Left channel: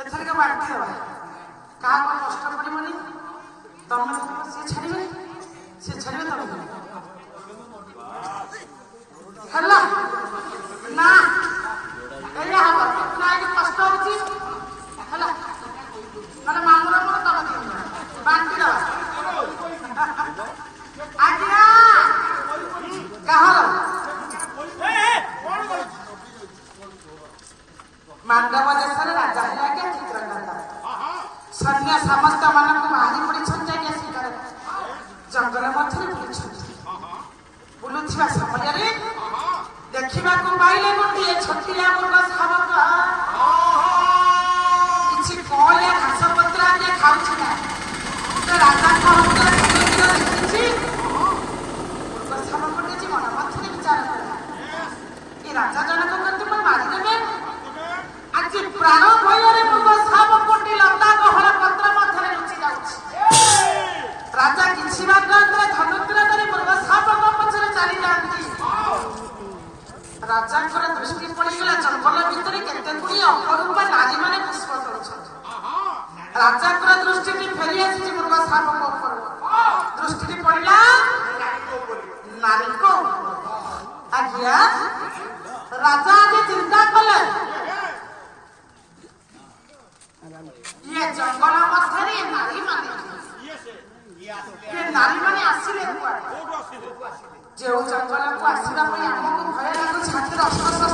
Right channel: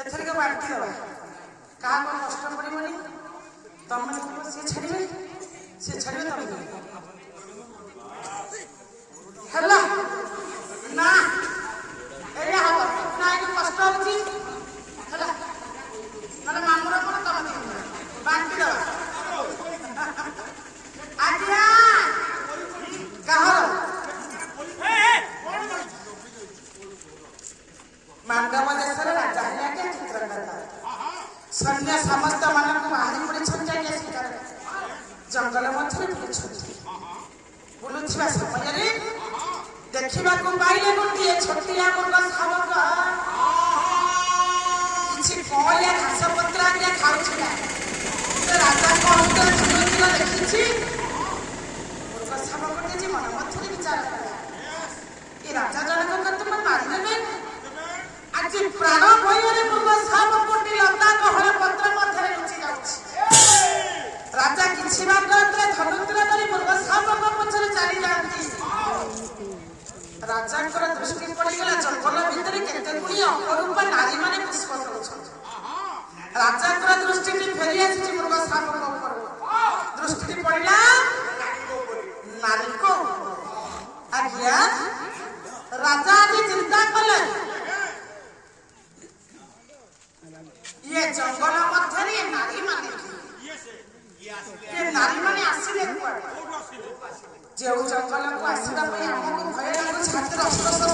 etheric बांटी देवा क्या कष्ट पड़ोनी तुम सी छाड़े तुम ना कष्ट होची मामूर तुम बांटी देवा आज्ञा कह मांडव देश राजा है क्या चित्रकर्ता सैन्य समस्त मान बाहरी पड़ी शिकार जंगल मध्य बुलुवा समय देखा पाइले गोटे छोटिया मृग शावक किसी कलिया घास पत्र आगे खाऊला राजा देखी मृग शावक मन मध्य विचार कला ये राजा जनक करते मारिदेवे आज प्राण भय मृग शावक लता गहन पत्र मध्य लुचि जाऊँ राजा किसी धनुत्र कर मृग शावक पचर चली जाती राजा दृष्टि पड़गला जंगल भितर केते गुड़ी अपरूपा नारी मैंने पुष्प कर राजा दृष्टि फेरी आसी मृग शावक दृष्टि पड़ा नारी को आज्ञा राजा आज चिंता कले ये जंगल मध्य नारी माने आसिले जो जंगल को आसवा आमको भय लगुच हाथ अस्त्र